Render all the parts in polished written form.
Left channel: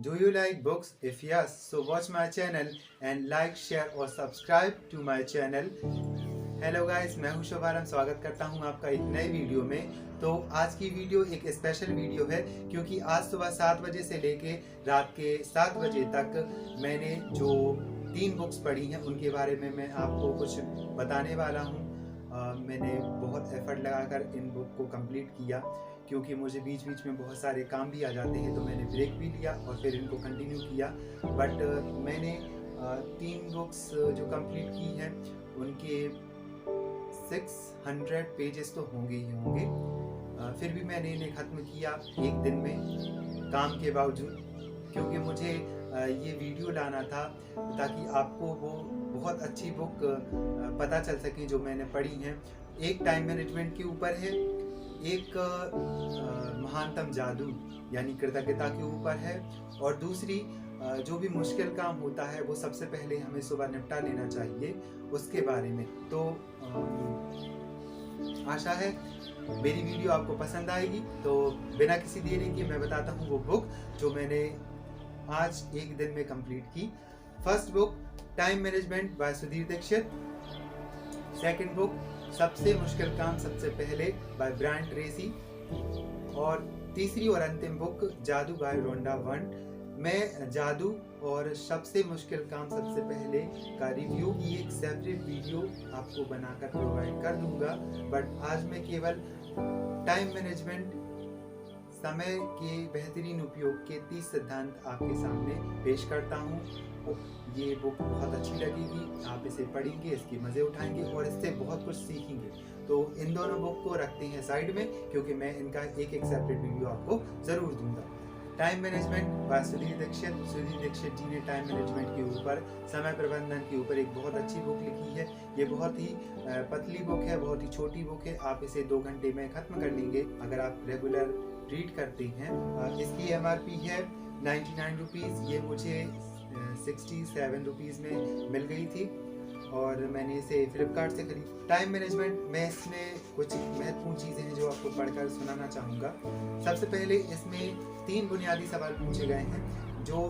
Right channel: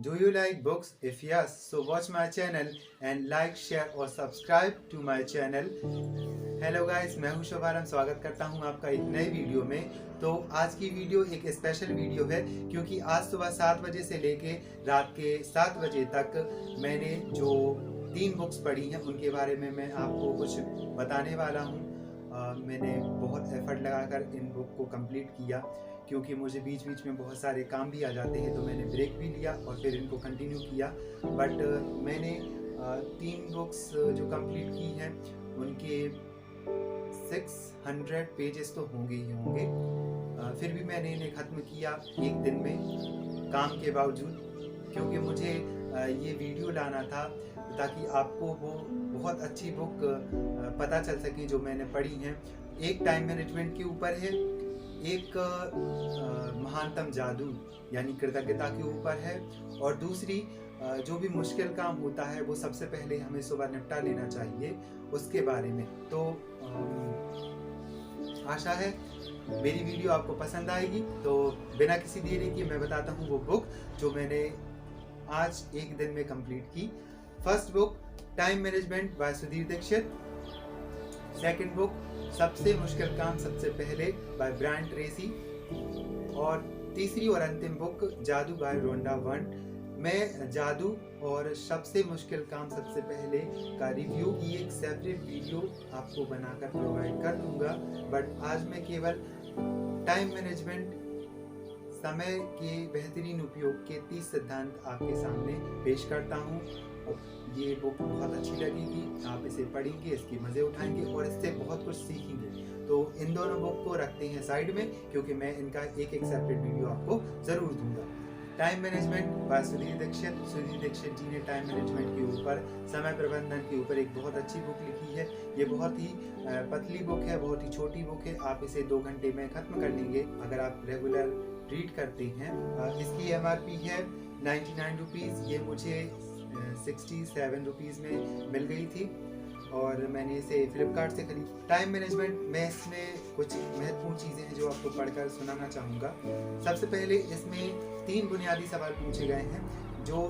Do you like books? If yes, so watch my channel and like, share और subscribe to my channel. Hello guys, मैं हूं शुभारंभ। स्वागत करता हूं आपका एक नए वीडियो में। तो आज की वीडियो एक स्पेशल वीडियो है क्योंकि आज सुबह 7 बजे से लेके रात के 7 बजे तक मैंने जो 3 बुक्स पढ़ी हैं उनके बारे में मैं आपको कुछ बताने वाला हूं। मैंने बहुत एफर्ट लगाकर इन बुक को कंप्लीट किया क्योंकि मुझे बीच बीच में बहुत सारे काम भी आ जाते हैं, तो मैंने ब्रेक भी लिया और फिर इनको कंटिन्यू किया। बट मैंने 3 बुक्स जो कंप्लीट की हैं उनके 600 पेजेस तो होंगे ही होंगे। फिर भी मैंने इन्हें ख़त्म किया एक दिन में काम के बावजूद, क्योंकि मुझे ये वीडियो लाना था ताकि आपको वो बहुत अच्छी बुक पता चल सके जो मैंने पढ़ी हैं। एक टाइम मैनेजमेंट के ऊपर है, एक महानतम जादू यानी कृतज्ञता के ऊपर है, और दूसरी जो भी मुश्किल काम होता है वो सबसे पहले हमें सुबह निपटा लेना चाहिए, उसके बारे में। तो आशा है मेरी वीडियो आपको पसंद आएगी। तो बिना किसी देरी के मैं बताता हूँ वो बुक जो मैंने आज एक दिन में कंप्लीट की। First book time management by Sudhir Dixit. Second book सबसे मुश्किल काम सबसे पहले बाय ब्रायन ट्रेसी। और तीसरी और अंतिम बुक जादू बाय रोंडा वंट। मैं जादू और सबसे मुश्किल काम सबसे पहले का रिव्यू की एक सेपरेट वीडियो आपको बनाकर प्रोवाइड कर दूंगा, बट आज मैं केवल टाइम मैनेजमेंट, समय के बेहतरीन उपयोग के 30 सिद्धांत आपके सामने पेश करता हूँ। ये बुक बहुत अच्छी लगेगी, आप इसे पढ़ेंगे, इसके मज़े उठाएंगे और इससे बहुत कुछ सीखेंगे। तो इन दोनों बुक को रखते हैं साइड में, क्योंकि मैं इनका एक सेपरेट वीडियो आपको ज़रूर दूंगा। Time management by Sudhir Dixit. Sudhir Dixit ji ने टाइम मैनेजमेंट के ऊपर, समय प्रबंधन के ऊपर एक बहुत अच्छी बुक लिखी है। ये बहुत ही पतली बुक है, बहुत ही छोटी बुक है, आप इसे 2 घंटे में ख़त्म कर लेंगे अगर आप रेगुलर रीड करते हैं। इसकी MRP है 99 रुपीज़। ये मुझे 67 रुपीज़ में मिल गई थी और मैंने इसे फ्लिपकार्ट से खरीदी। टाइम मैनेजमेंट में इसमें कुछ महत्वपूर्ण चीज़ें हैं जो आपको पढ़कर सुनाना चाहूँगा। सबसे पहले इसमें 3 बुनियादी सवाल पूछे गए हैं। जो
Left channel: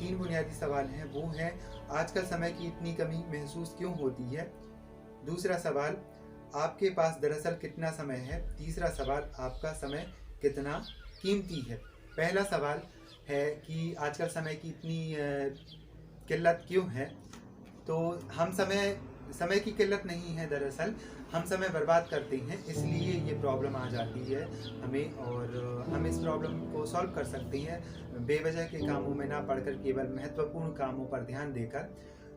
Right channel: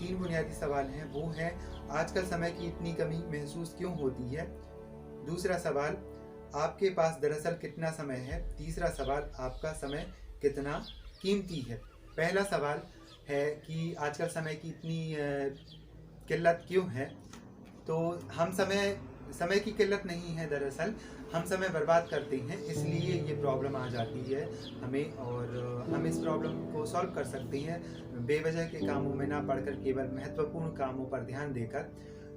3 बुनियादी सवाल हैं वो हैं, आजकल समय की इतनी कमी महसूस क्यों होती है। दूसरा सवाल, आपके पास दरअसल कितना समय है। तीसरा सवाल, आपका समय कितना कीमती है। पहला सवाल है कि आजकल समय की इतनी किल्लत क्यों है। तो हम समय की किल्लत नहीं है, दरअसल हम समय बर्बाद करते हैं, इसलिए ये प्रॉब्लम आ जाती है हमें, और हम इस प्रॉब्लम को सॉल्व कर सकते हैं बेवजह के कामों में ना पढ़कर केवल महत्वपूर्ण कामों पर ध्यान देकर।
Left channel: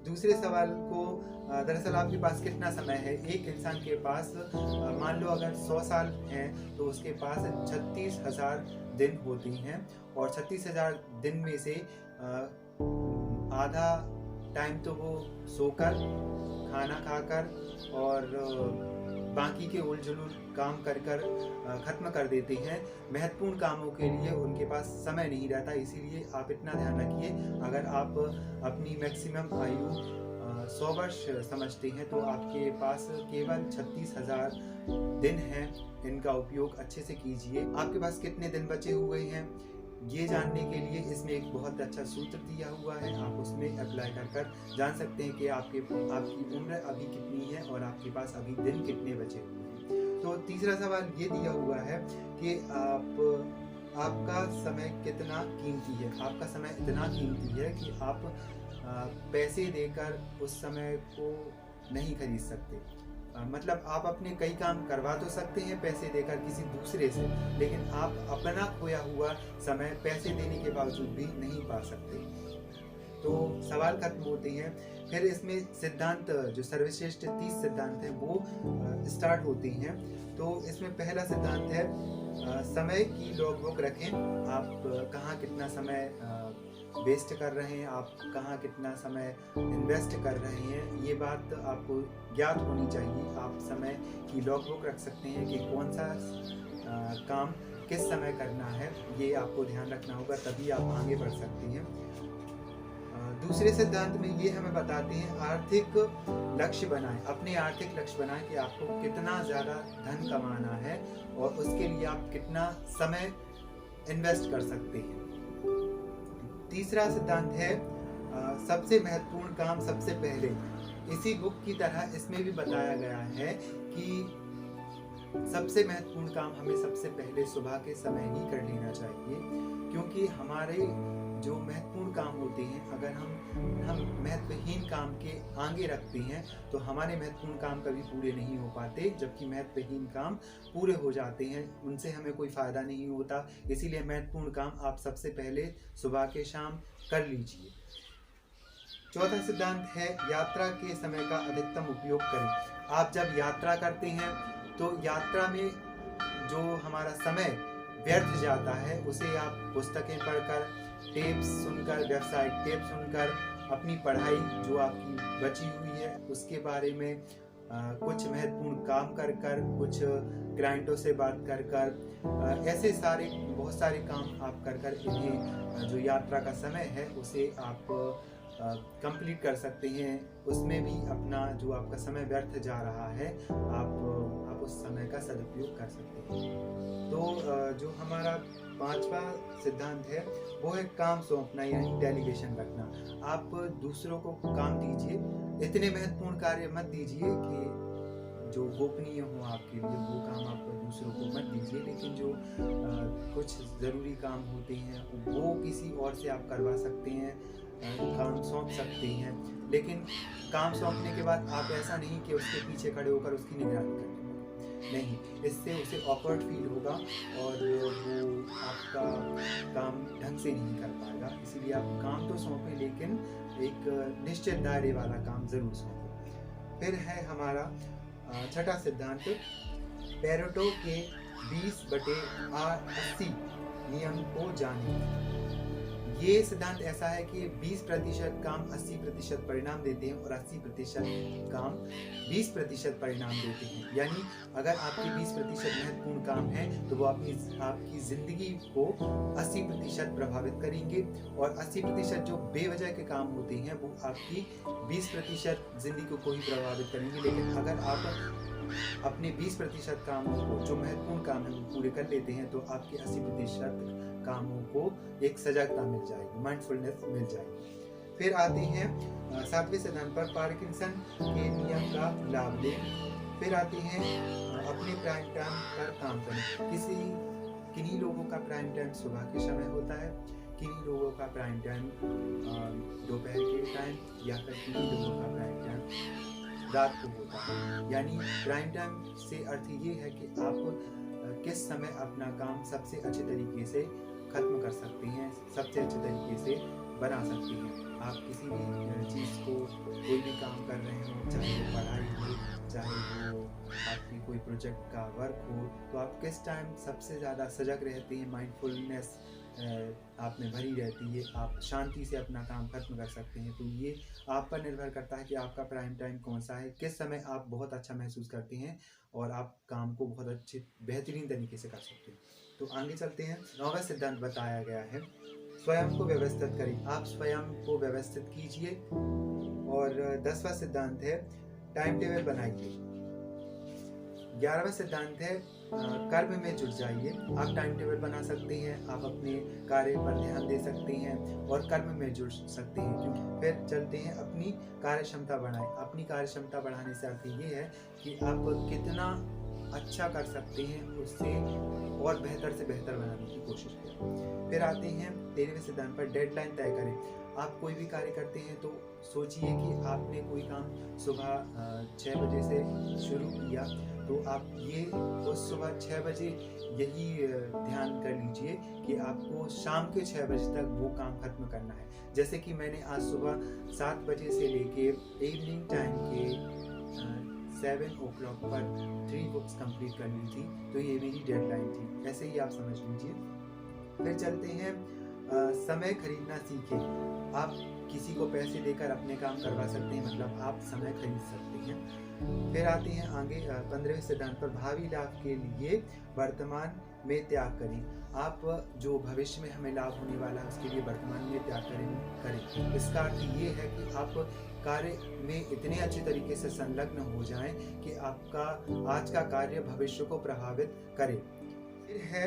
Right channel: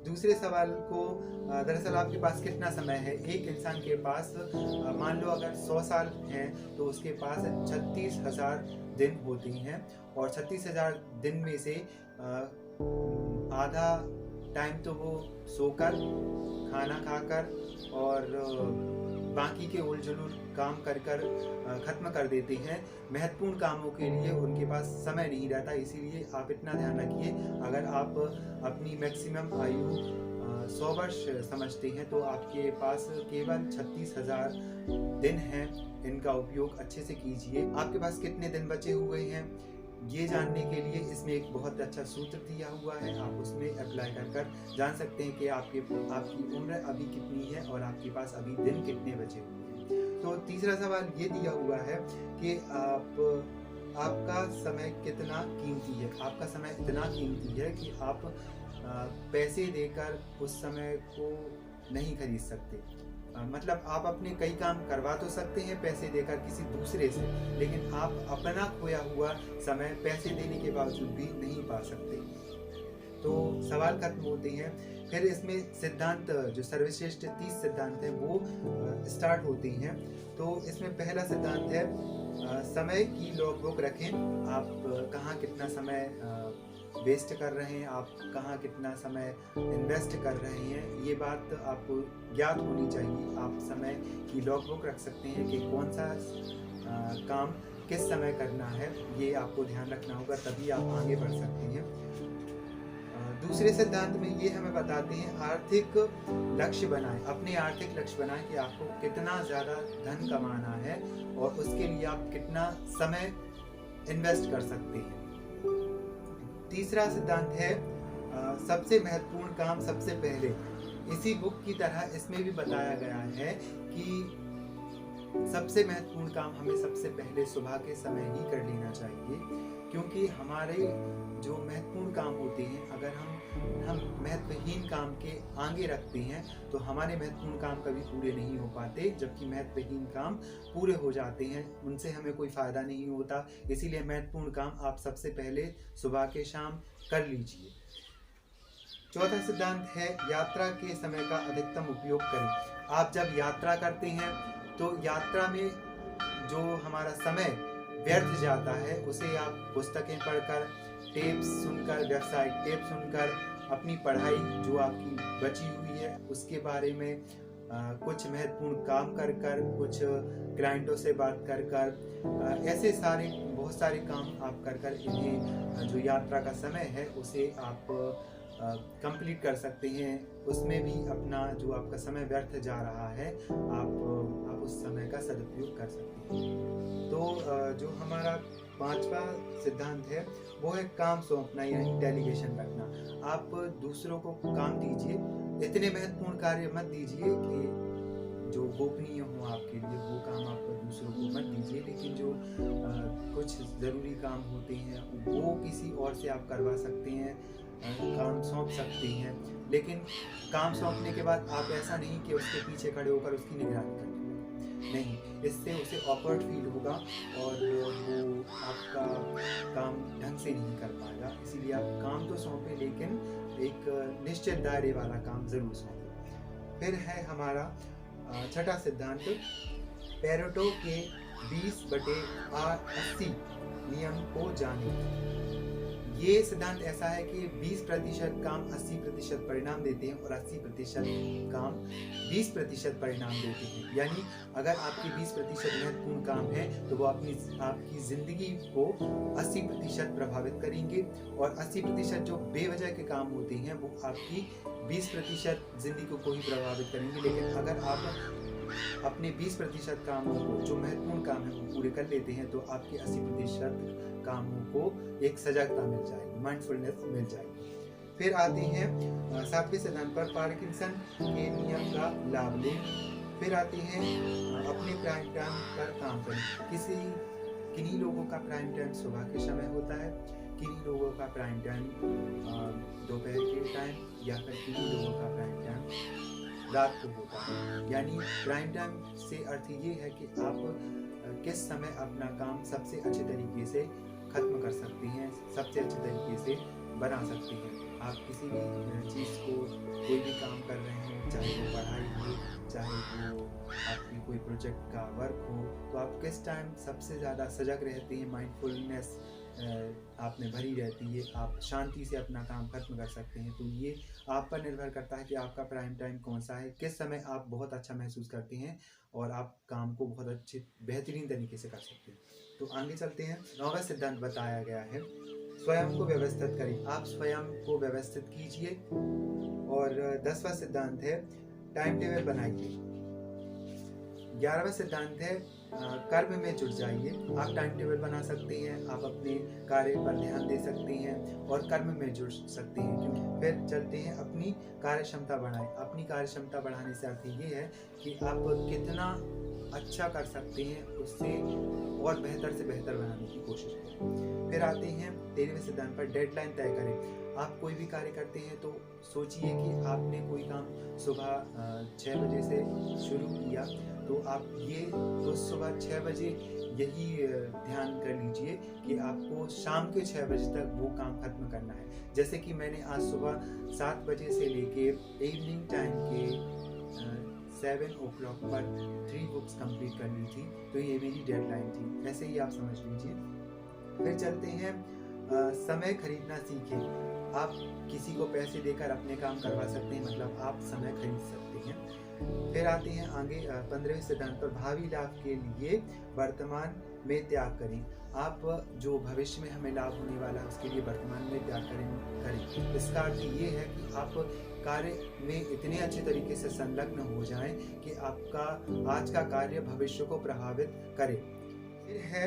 दूसरे सवाल को, दरअसल आपके पास कितना समय है। एक इंसान के पास मान लो अगर 100 साल हैं तो उसके पास 36,000 दिन होते हैं, और 36,000 दिन में से आधा टाइम तो वो सोकर, खाना खाकर और बाकी के उलझुल काम कर ख़त्म कर देते हैं। महत्वपूर्ण कामों के लिए उनके पास समय नहीं रहता, इसीलिए आप इतना ध्यान रखिए, अगर आप अपनी मैक्सिमम आयु 100 वर्ष समझते हैं तो आपके पास केवल 36,000 दिन हैं। इनका उपयोग अच्छे से कीजिए। आपके पास कितने दिन बचे हुए हैं ये जानने के लिए इसमें एक बहुत अच्छा सूत्र दिया हुआ है, आप उसमें अप्लाई कर जान सकते हैं कि आपकी उम्र अभी कितनी है और आपके पास अभी दिन कितने बचे हुए हैं। तो तीसरा सवाल ये दिया हुआ है कि आपका समय कितना कीमती है। आपका समय इतना कीमती है कि आप पैसे देकर उस समय को नहीं खरीद सकते। मतलब आप अपने कई काम करवा तो सकते हैं पैसे देकर किसी दूसरे से, लेकिन आप अपना खोया हुआ समय पैसे देने के बावजूद भी नहीं पा सकते। तो सवाल खत्म होते हैं। फिर इसमें सिद्धांत, जो सर्वश्रेष्ठ 30 सिद्धांत हैं वो स्टार्ट होते हैं। तो इसमें पहला सिद्धांत है, समय की लॉगबुक रखें। आप कहाँ कितना समय वेस्ट कर रहे हैं, आप कहाँ कितना समय इन्वेस्ट कर रहे हैं, ये बात आपको ज्ञात होनी चाहिए। आप समय की लॉगबुक रख सकते हैं कि कौन सा काम किस समय करना है, ये आपको ध्यान रखना होगा, तभी आप आगे बढ़ सकते हैं। दूसरे सिद्धांत में ये हमें बताते हैं, आर्थिक लक्ष्य बनाएं। अपने आर्थिक लक्ष्य बनाएं कि आपको कितना ज़्यादा धन कमाना है और उसके लिए आप कितना समय इन्वेस्ट कर सकते हैं। तीसरा सिद्धांत है सबसे महत्वपूर्ण काम सबसे पहले। इसी बुक की तरह इसमें भी बताया गया है कि सबसे महत्वपूर्ण काम हमें सबसे पहले सुबह के समय ही कर लेना चाहिए, क्योंकि हमारे जो महत्वपूर्ण काम होते हैं, अगर हम महत्वहीन काम के आगे रखते हैं तो हमारे महत्वपूर्ण काम कभी पूरे नहीं हो पाते, जबकि महत्वहीन काम पूरे हो जाते हैं, उनसे हमें कोई फ़ायदा नहीं होता। इसीलिए महत्वपूर्ण काम आप सबसे पहले सुबह के शाम कर लीजिए। चौथा सिद्धांत है यात्रा के समय का अधिकतम उपयोग करें। आप जब यात्रा करते हैं तो यात्रा में जो हमारा समय व्यर्थ जाता है उसे आप पुस्तकें पढ़कर, टेप्स सुनकर, व्यावसायिक टेप सुनकर, अपनी पढ़ाई जो आपकी बची हुई है उसके बारे में कुछ महत्वपूर्ण काम कर कर, कुछ क्लाइंटों से बात कर कर, ऐसे सारे बहुत सारे काम आप कर कर इन्हें जो यात्रा का समय है उसे आप कंप्लीट कर सकते हैं। उसमें भी अपना जो आपका समय व्यर्थ जा रहा है आप उस समय का सदुपयोग कर सकते हैं। तो जो हमारा पांचवा सिद्धांत है वो है काम सौंपना, यानी डेलीगेशन रखना। आप दूसरों को काम दीजिए, इतने महत्वपूर्ण कार्य मत दीजिए कि जो गोपनीय हो आपके लिए, वो काम आप दूसरों को मत दीजिए, लेकिन जो कुछ ज़रूरी काम होते हैं वो किसी और से आप करवा सकते हैं, काम सौंप सकते हैं। लेकिन काम सौंपने के बाद आप ऐसा नहीं कि उसके पीछे खड़े होकर उसकी निगरानी करने लगे, नहीं, इससे उसे ऑकवर्ड फील होगा और वो आपका काम ढंग से नहीं कर पाएगा। इसीलिए आप काम तो सौंपें, लेकिन एक निश्चित दायरे वाला काम ज़रूर सौंपें। फिर है हमारा छठा सिद्धांत, पेरेटो के 20/80 नियम को जानें। ये सिद्धांत ऐसा है कि 20% काम 80% परिणाम देते हैं और 80% काम 20% परिणाम देते हैं। यानी अगर आपके 20% महत्वपूर्ण काम है तो वो आपकी ज़िंदगी को 80% प्रभावित करेंगे, और 80% जो बेवजह के काम होते हैं वो आपकी 20% ज़िंदगी को ही प्रभावित करेंगे। लेकिन अगर आप अपने 20% कामों को, जो महत्वपूर्ण काम है, वो पूरे कर लेते हैं तो आपके 80% कामों को एक सजगता मिल जाएगी, माइंडफुलनेस मिल जाएगी। फिर आते हैं सातवें सिद्धांत पर, पार्किंसन के नियम का लाभ लें। फिर आते हैं अपने प्राइम टाइम पर काम करें। किन्हीं लोगों का प्राइम टाइम सुबह के समय होता है, किन्हीं लोगों का प्राइम टाइम दोपहर के टाइम, या फिर किन्हीं लोगों का प्राइम टाइम रात को होता है। यानी प्राइम टाइम से अर्थ ये है कि आप किस समय अपना काम सबसे अच्छे तरीके से ख़त्म कर सकते हैं, सबसे अच्छे तरीके से बना सकते हैं। आप किसी भी चीज़ को, कोई भी काम कर रहे हो, चाहे वो पढ़ाई हो, चाहे वो आपकी कोई प्रोजेक्ट का वर्क हो, तो आप किस टाइम सबसे ज़्यादा सजग रहते हैं, माइंडफुलनेस आप में भरी रहती है, आप शांति से अपना काम खत्म कर सकते हैं। तो ये आप पर निर्भर करता है कि आपका प्राइम टाइम कौन सा है, किस समय आप बहुत अच्छा महसूस करते हैं और आप काम को बहुत अच्छे बेहतरीन तरीके से कर सकते हैं। तो आगे चलते हैं। 9वां सिद्धांत बताया गया है, स्वयं को व्यवस्थित करें। आप स्वयं को व्यवस्थित कीजिए। और 10वां सिद्धांत है, टाइम टेबल बनाइए। 11वां सिद्धांत है, कर्म में जुट जाइए। आप टाइम टेबल बना सकते हैं, आप अपने कार्य पर ध्यान दे सकते हैं और कर्म में जुड़ सकते हैं। क्योंकि फिर चलते हैं, अपनी कार्य क्षमता बढ़ाएं। अपनी कार्य क्षमता बढ़ाने से अर्थ ये है कि आप कितना अच्छा कर सकते हैं, उससे और बेहतर से बेहतर बनाने की कोशिश करें। फिर आते हैं 13वें सिद्धांत पर, डेडलाइन तय करें। आप कोई भी कार्य करते हैं तो सोचिए कि आपने कोई काम सुबह 6 बजे से शुरू किया, तो आप ये उस सुबह 6 बजे यही ध्यान कर लीजिए कि आपको शाम के 6 बजे तक वो काम खत्म करना है। जैसे कि मैंने आज सुबह 7 बजे से लेके इवनिंग टाइम के 7 o'clock पर 3 बुक्स कंप्लीट कर ली थी, तो ये मेरी डेडलाइन थी। ऐसे ही आप समझ लीजिए। फिर चलते हैं, समय खरीदना सीखें। आप किसी को पैसे देकर अपने काम करवा सकते हैं, मतलब आप समय खरीद सकते हैं। फिर आते हैं आगे 15वें सिद्धांत पर, भावी लाभ के लिए वर्तमान में त्याग करें। आप जो भविष्य में हमें लाभ होने वाला है उसके लिए वर्तमान में त्याग करें। इसका अर्थ ये है कि आप कार्य में इतने अच्छे तरीके से संलग्न हो जाएं कि आपका आज का कार्य भविष्य को प्रभावित करे। फिर है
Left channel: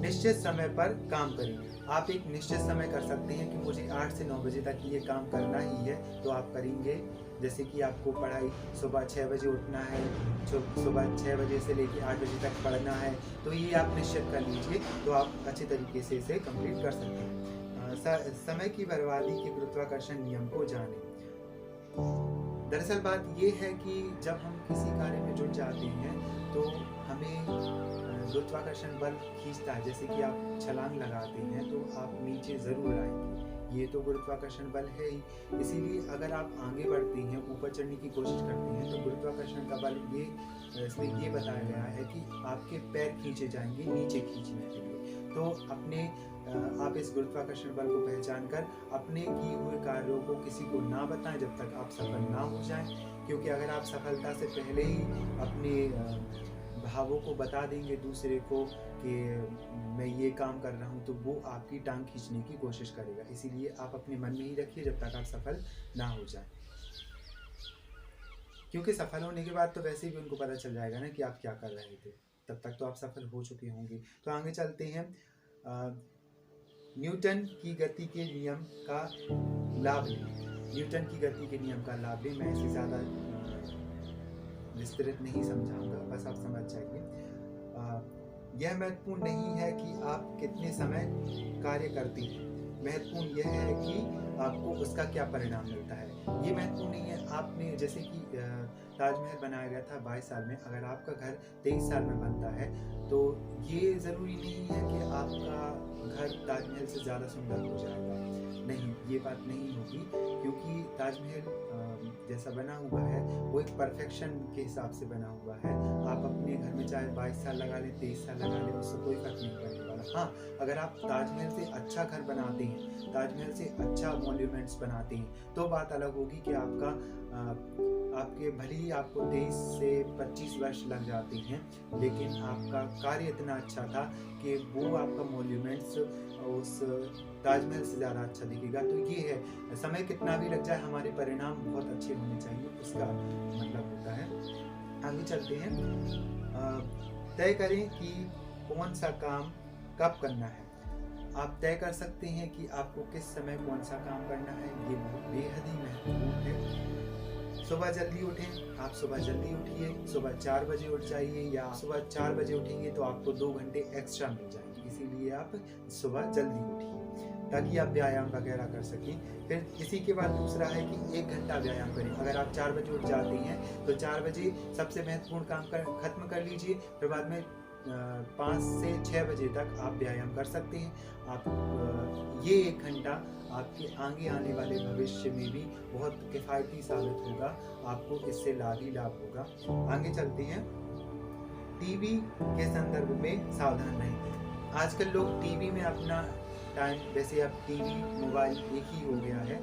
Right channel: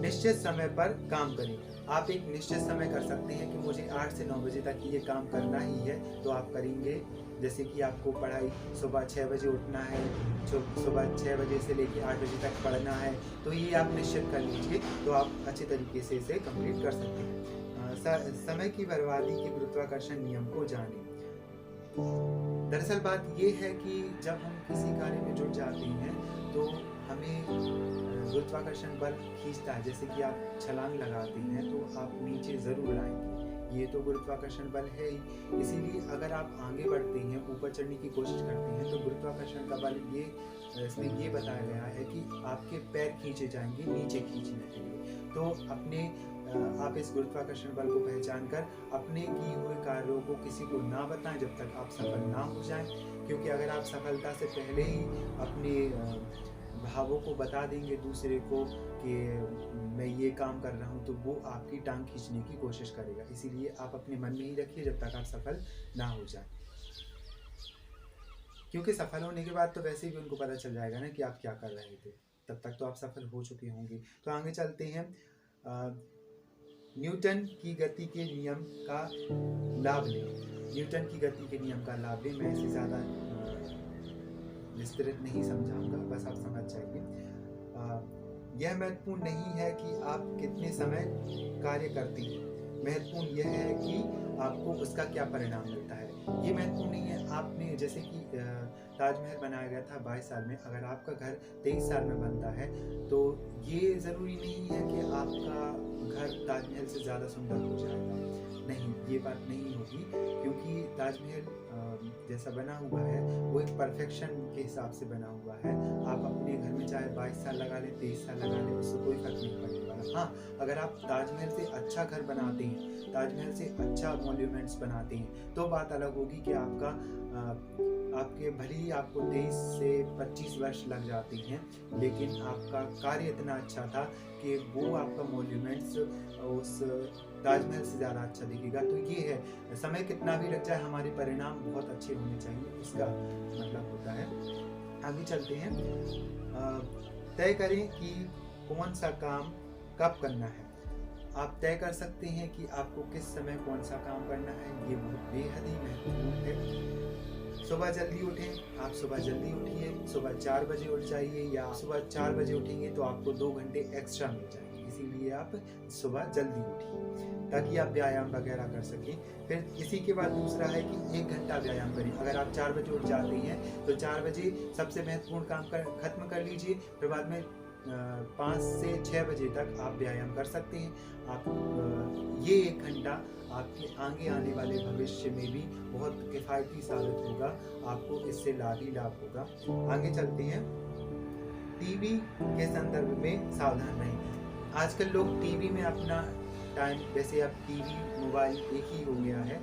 निश्चित समय पर काम करें। आप एक निश्चित समय कर सकते हैं कि मुझे 8 से 9 बजे तक ये काम करना ही है, तो आप करेंगे। जैसे कि आपको पढ़ाई सुबह 6 बजे उठना है, सुबह 6 बजे से लेकर 8 बजे तक पढ़ना है, तो ये आप निश्चित कर लीजिए, तो आप अच्छे तरीके से इसे कंप्लीट कर सकते हैं। समय की बर्बादी के गुरुत्वाकर्षण नियम को जानें। दरअसल बात ये है कि जब हम किसी कार्य में जुट जाते हैं तो हमें गुरुत्वाकर्षण बल खींचता है। जैसे कि आप छलांग लगाते हैं तो आप नीचे ज़रूर आएंगे, ये तो गुरुत्वाकर्षण बल है ही। इसीलिए अगर आप आगे बढ़ते हैं, ऊपर चढ़ने की कोशिश करते हैं, तो गुरुत्वाकर्षण का बल इसमें ये बताया गया है कि आपके पैर खींचे जाएंगे नीचे खींचने के लिए। तो आप इस गुरुत्वाकर्षण बल को पहचान कर अपने किए हुए कार्यों को किसी को ना बताएं जब तक आप सफल ना हो जाएं, क्योंकि अगर आप सफलता से पहले ही अपने भावों को बता देंगे दूसरे को कि मैं ये काम कर रहा हूँ, तो वो आपकी टांग खींचने की कोशिश करेगा। इसीलिए आप अपने मन में ही रखिए जब तक आप सफल ना हो जाए, क्योंकि सफल होने के बाद तो वैसे भी उनको पता चल जाएगा ना कि आप क्या कर रहे थे, तब तक तो आप सफल हो चुके होंगे। तो आगे चलते हैं। न्यूटन की गति के नियम का लाभ लें। न्यूटन की गति के नियम का लाभ लें। मैं इसे ज़्यादा विस्तृत नहीं समझाऊंगा, बस आप समझ जाइए। यह महत्वपूर्ण नहीं है कि आप कितने समय कार्य करते हैं, महत्वपूर्ण यह है कि आपको उसका क्या परिणाम मिलता है। ये महत्वपूर्ण नहीं है। आपने जैसे कि ताजमहल बनाया गया था 22 साल में, अगर आपका घर 23 साल में बनता है तो ये ज़रूरी नहीं है कि आपका घर ताजमहल से ज़्यादा सुंदर हो जाएगा। नहीं, ये बात नहीं होगी, क्योंकि ताजमहल जैसा बना हुआ है वो एक परफेक्शन के हिसाब से बना हुआ है। आप अपने घर में चाहे 22 साल लगा लें, 23 साल लगा लें, उससे कोई फर्क नहीं पड़ने वाला। हाँ, अगर आप ताजमहल से अच्छा घर बनाते हैं, ताजमहल से अच्छा मॉन्यूमेंट्स बनाते हैं, तो बात अलग होगी कि आपके भले ही आपको 23 से 25 वर्ष लग जाते हैं, लेकिन आपका कार्य इतना अच्छा था कि वो आपका मॉन्यूमेंट्स उस ताजमहल से ज़्यादा अच्छा दिखेगा। तो ये है, समय कितना भी लग जाए, हमारे परिणाम बहुत अच्छे होने चाहिए, उसका मतलब होता है। आगे चलते हैं। तय करें कि कौन सा काम कब करना है। आप तय कर सकते हैं कि आपको किस समय कौन सा काम करना है, ये बहुत बेहद ही महत्वपूर्ण है। सुबह जल्दी उठें। आप सुबह जल्दी उठिए, सुबह 4 बजे उठ जाइए, या सुबह 4 बजे उठेंगे तो आपको 2 घंटे एक्स्ट्रा मिल जाएंगे। इसीलिए आप सुबह जल्दी उठिए ताकि आप व्यायाम वगैरह कर सकें। फिर इसी के बाद दूसरा है कि 1 घंटा व्यायाम करें। अगर आप 4 बजे उठ जाते हैं तो 4 बजे सबसे महत्वपूर्ण काम खत्म कर लीजिए, फिर बाद में 5 से 6 बजे तक आप व्यायाम कर सकते हैं। आप ये 1 घंटा आपके आगे आने वाले भविष्य में भी बहुत किफ़ायती साबित होगा, आपको इससे लाभ ही लाभ होगा। आगे चलते हैं। टीवी के संदर्भ में सावधान रहें। आजकल लोग टीवी में अपना टाइम, वैसे अब टीवी मोबाइल एक ही हो गया है,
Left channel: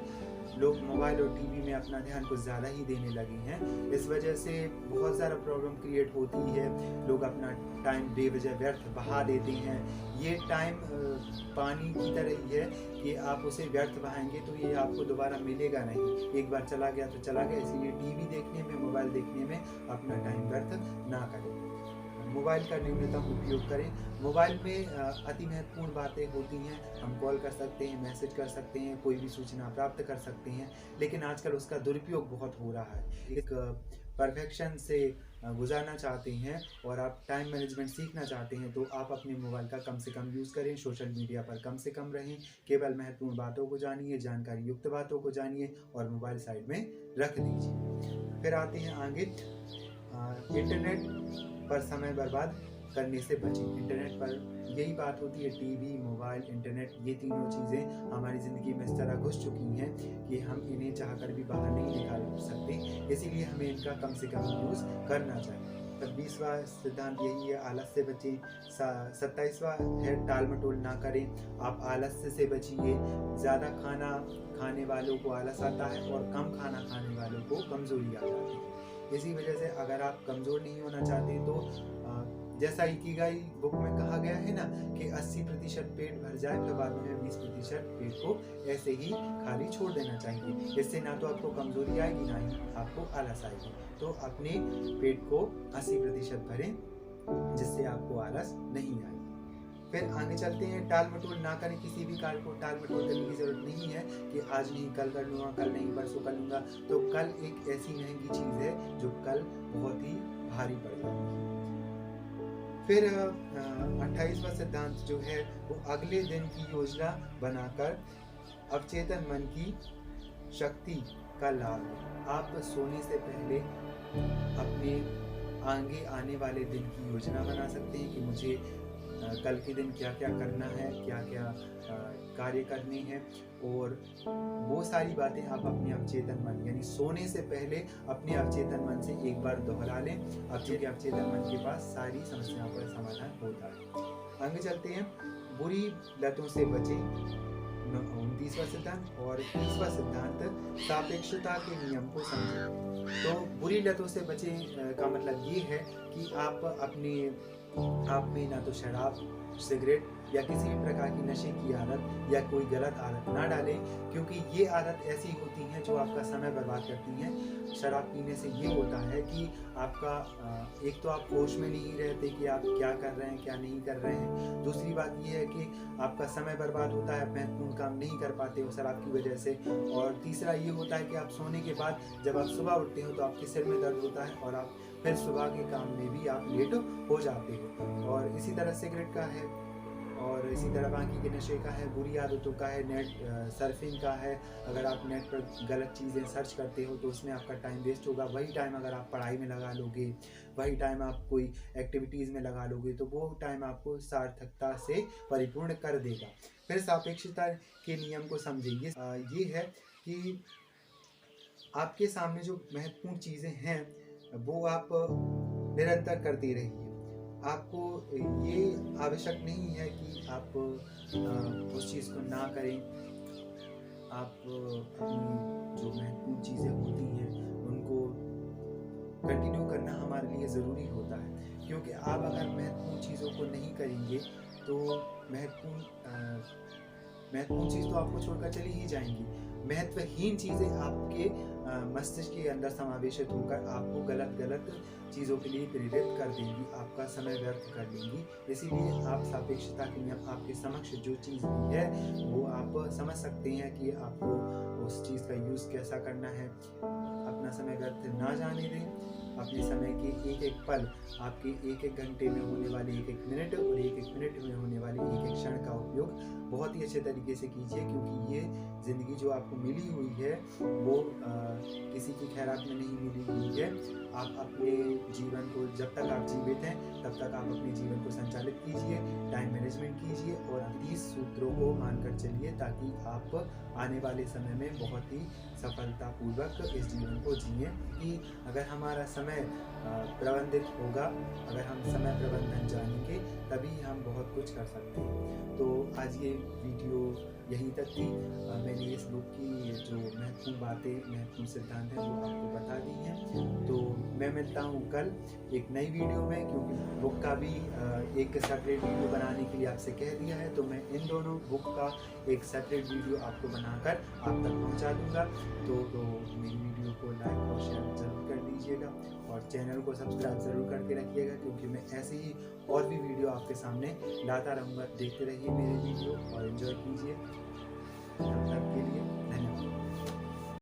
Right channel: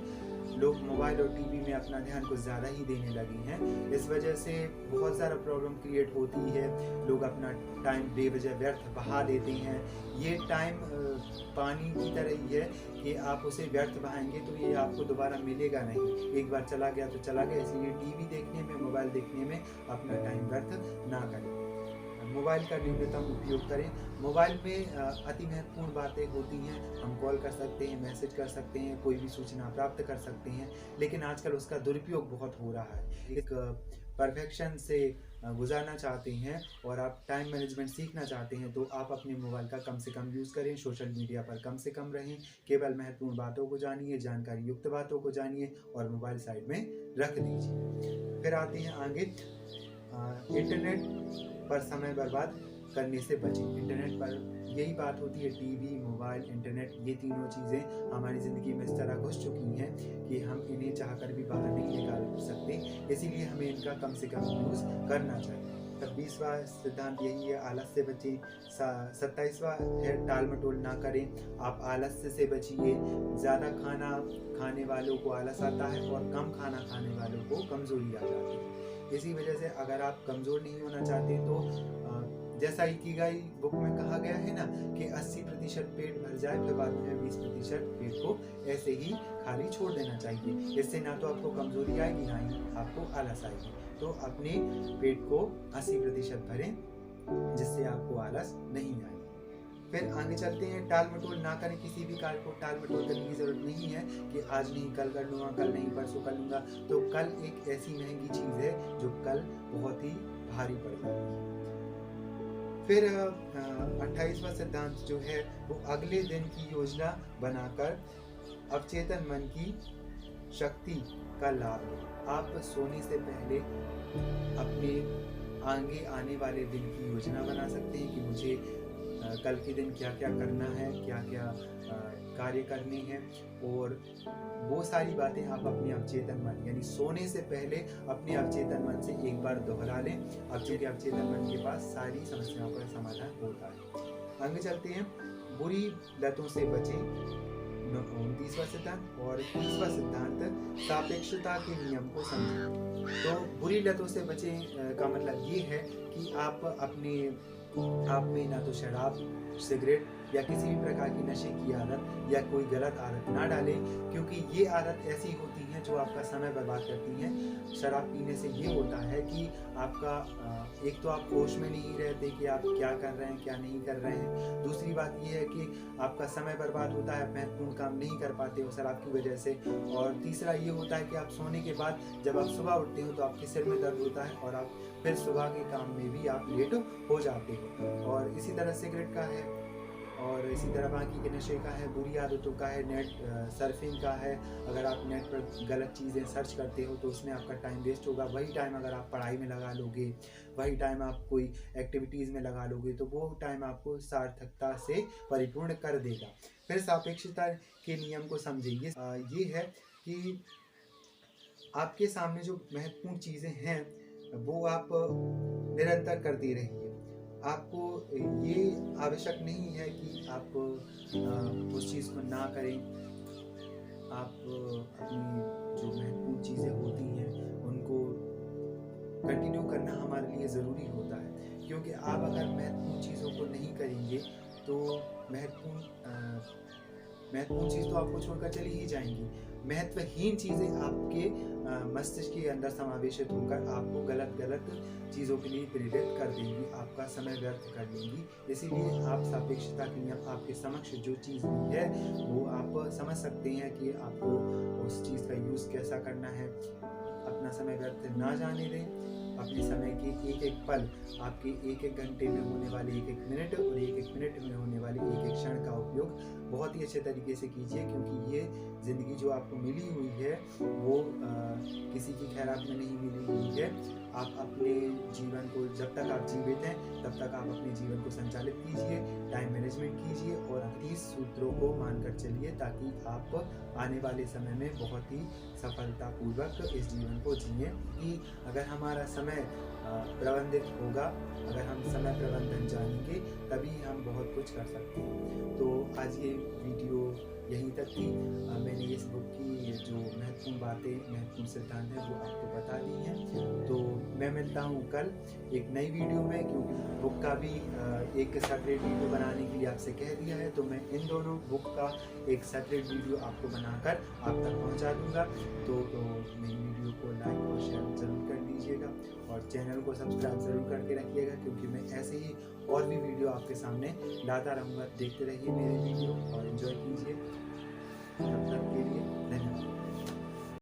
लोग मोबाइल और टीवी में अपना ध्यान कुछ ज़्यादा ही देने लगे हैं। इस वजह से बहुत ज़्यादा प्रॉब्लम क्रिएट होती है। लोग अपना टाइम बेवजह व्यर्थ बहा देते हैं। ये टाइम पानी की तरह ही है कि आप उसे व्यर्थ बहाएंगे तो ये आपको दोबारा मिलेगा नहीं। एक बार चला गया तो चला गया। इसलिए टीवी देखने में, मोबाइल देखने में अपना टाइम व्यर्थ ना करें। मोबाइल का न्यूनतम उपयोग करें। मोबाइल में अति महत्वपूर्ण बातें होती हैं। हम कॉल कर सकते हैं, मैसेज कर सकते हैं, कोई भी सूचना प्राप्त कर सकते हैं, लेकिन आजकल उसका दुरुपयोग बहुत हो रहा है। एक परफेक्शन से गुजारना चाहते हैं और आप टाइम मैनेजमेंट सीखना चाहते हैं तो आप अपने मोबाइल का कम से कम यूज़ करें। सोशल मीडिया पर कम से कम रहें। केवल महत्वपूर्ण बातों को जानिए, जानकारी युक्त बातों को जानिए और मोबाइल साइड में रख दीजिए। फिर आते हैं आगे। इंटरनेट पर समय बर्बाद करने से बचें। इंटरनेट पर यही बात होती है, टीवी, मोबाइल, इंटरनेट, ये तीनों चीज़ें हमारी ज़िंदगी में इस तरह घुस चुकी हैं कि हम इन्हें चाहकर भी बाहर नहीं निकाल सकते। इसीलिए हमें इनका कम से कम यूज़ करना चाहिए। 26वां सिद्धांत यही है, आलस से बचें। 27वां है, टाल मटोल ना करें। आप आलस से बचिए। ज़्यादा खाना खाने वालों को आलस आता है और कम खाना खाने वालों को कमज़ोरी आ जाती है। इसी वजह से अगर आप कमज़ोर नहीं होना चाहते तो जैसा इकिगाई बुक में कहा गया है ना कि 80% पेट भर जाए, फिर बाद में 20% पेट को ऐसे ही खाली छोड़ देना चाहिए। इससे ना तो आपको कमज़ोरी आएगी, ना ही आपको आलस आएगी। तो अपने पेट को 80% भरें, जिससे आपको आलस नहीं आएगी। फिर आगे चलते हैं, टाल मटोल ना करें। किसी भी कार्य को टाल मटोल करने की ज़रूरत नहीं है कि आज नहीं कल कर लूँगा, कल नहीं परसों कर लूँगा। तो कल एक ऐसी महंगी चीज़ है जो कल बहुत ही भारी पड़ जाती है। फिर 28वां सिद्धांत जो है वो अगले दिन की योजना बनाकर अवचेतन मन की शक्ति का लाभ लें। आप सोने से पहले अपने आगे आने वाले दिन की योजना बना सकते हैं कि मुझे कल के दिन क्या क्या करना है, क्या क्या कार्य करने हैं, और वो सारी बातें आप अपने अवचेतन मन यानी सोने से पहले अपने अवचेतन मन से एक बार दोहरा लें। अब चूंकि अवचेतन मन के पास सारी समस्याओं का समाधान होता है। आगे चलते हैं, बुरी लतों से बचें, 29वां सिद्धांत। और 30वां सिद्धांत, सापेक्षता के नियम को समझें। तो बुरी लतों से बचें का मतलब ये है कि आप में ना तो शराब, सिगरेट या किसी भी प्रकार की नशे की आदत या कोई गलत आदत ना डालें, क्योंकि ये आदत ऐसी होती हैं जो आपका समय बर्बाद करती हैं। शराब पीने से ये होता है कि आपका एक तो आप होश में नहीं रहते कि आप क्या कर रहे हैं, क्या नहीं कर रहे हैं। दूसरी बात ये है कि आपका समय बर्बाद होता है, महत्वपूर्ण काम नहीं कर पाते हो शराब की वजह से। और तीसरा ये होता है कि आप सोने के बाद जब आप सुबह उठते हो तो आपके सिर में दर्द होता है और आप फिर सुबह के काम में भी आप लेट हो जाते हो। और इसी तरह सिगरेट का है, और इसी तरह बाकी के नशे का है, बुरी आदतों का है, नेट सर्फिंग का है। अगर आप नेट पर गलत चीज़ें सर्च करते हो तो उसमें आपका टाइम वेस्ट होगा। वही टाइम अगर आप पढ़ाई में लगा लोगे, वही टाइम आप कोई एक्टिविटीज़ में लगा लोगे तो वो टाइम आपको सार्थकता से परिपूर्ण कर देगा। फिर सापेक्षता के नियम को समझिए। ये है कि आपके सामने जो महत्वपूर्ण चीज़ें हैं वो आप निरंतर करते रहिए। आपको ये आवश्यक नहीं है कि आप उस चीज़ को ना करें। आप अपनी जो महत्वपूर्ण चीज़ें होती हैं उनको कंटिन्यू करना हमारे लिए ज़रूरी होता है, क्योंकि आप अगर महत्वपूर्ण चीज़ों को नहीं करेंगे तो महत्वपूर्ण चीज़ तो आपको छोड़कर चली ही जाएंगी। महत्वहीन चीज़ें आपके मस्तिष्क के अंदर समावेशित होकर आपको गलत चीज़ों के लिए प्रेरित कर देंगी, आपका समय व्यर्थ कर देंगी। इसीलिए आप सापेक्षता के नियम आपके समक्ष जो चीज़ भी है वो आप समझ सकते हैं कि आपको उस चीज़ का यूज़ कैसा करना है। अपना समय व्यर्थ ना जाने दें। अपने समय के एक एक पल, आपके एक एक घंटे में होने वाले एक एक मिनट और एक एक मिनट में होने वाले एक एक क्षण का उपयोग बहुत ही अच्छे तरीके से कीजिए, क्योंकि ये ज़िंदगी जो आपको मिली हुई है वो किसी की खैरात में नहीं मिली हुई है। आप अपने जीवन को, जब तक आप जीवित हैं तब तक आप अपने जीवन को संचालित कीजिए, टाइम मैनेजमेंट कीजिए और 30 सूत्रों को मानकर चलिए, ताकि आप आने वाले समय में बहुत ही सफलतापूर्वक इस जीवन को जिए। कि अगर हमारा समय प्रबंधित होगा, अगर हम समय प्रबंधन जानेंगे तभी हम बहुत कुछ कर सकते हैं। तो आज ये वीडियो यहीं तक थी। मैंने इस बुक की जो महत्वपूर्ण बातें, महत्वपूर्ण सिद्धांत हैं वो आपको बता दी हैं। तो मैं मिलता हूँ कल एक नई वीडियो में, क्योंकि बुक का भी एक सेपरेट वीडियो बनाने के लिए आपसे कह दिया है, तो मैं इन दोनों बुक का एक सेपरेट वीडियो आपको बनाकर आप तक पहुँचा दूँगा। तो मेरी वीडियो को लाइक और शेयर ज़रूर कर दीजिएगा और चैनल को सब्सक्राइब ज़रूर करके रखिएगा, क्योंकि मैं ऐसे ही और भी वीडियो आपके सामने लाता रहूँगा। देखते रहिए मेरे वीडियो और एंजॉय कीजिए। तब तक के लिए धन्यवाद।